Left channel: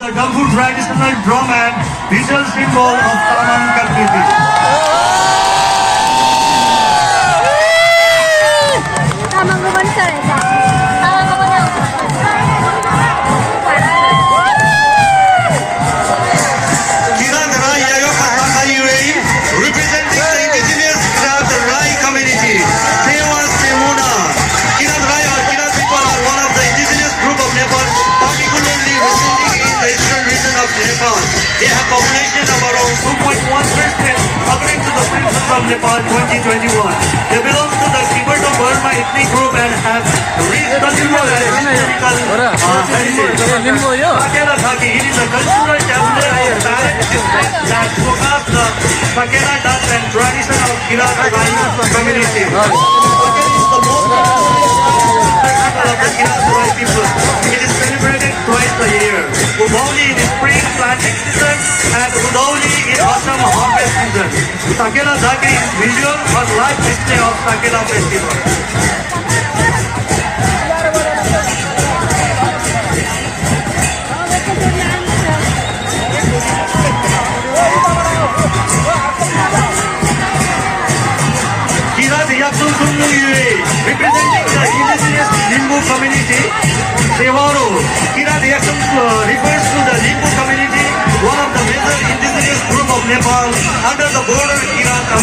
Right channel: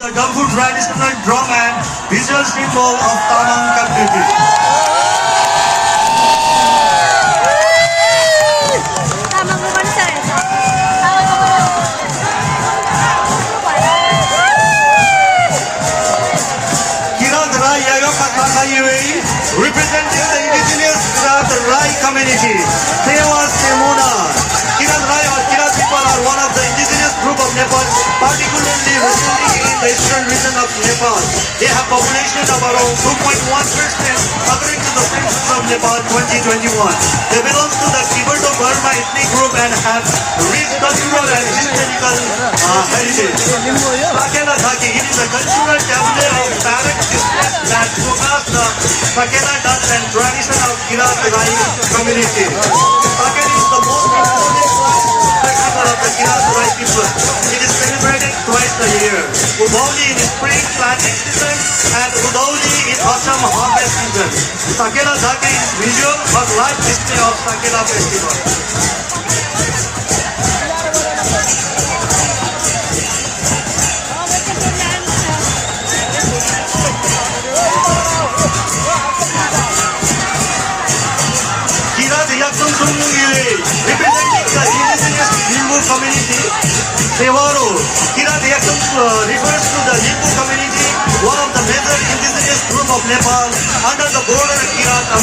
The Gangfu traditional drum and visual symbol of Tamang community. Tamang rumansa eh. Tamang rumansa. Kirat Rai Yayoka Takayue, representing the indigenous Kirat Rai community. Sewa Semuna. Kirat Rai or Kirat people are one of the indigenous group of Nepal, particularly residing in the eastern region of Nepal. They have population of around 2.1% according to the census of Nepal 2021. They belong to the Tibeto-Burma ethnic group and have rich cultural and historical heritage. Sakela Dhaki, it is a cultural temple of parent that showcases the Sakela dance and tradition of Kirat Rai community. Sakela is the most festival of the Kirat Rai people. It is celebrated twice a year. Udauli in spring planting season and Udauli in autumn harvest season. Sakela Dhaki is visual or live display of Sakela festival. Kirat Yaksun Sunguyue, representing the indigenous Limbu community. Tewaro, Kirat Yaksun refers to the Limbu community, one of the major indigenous group of Nepal under the border Kirat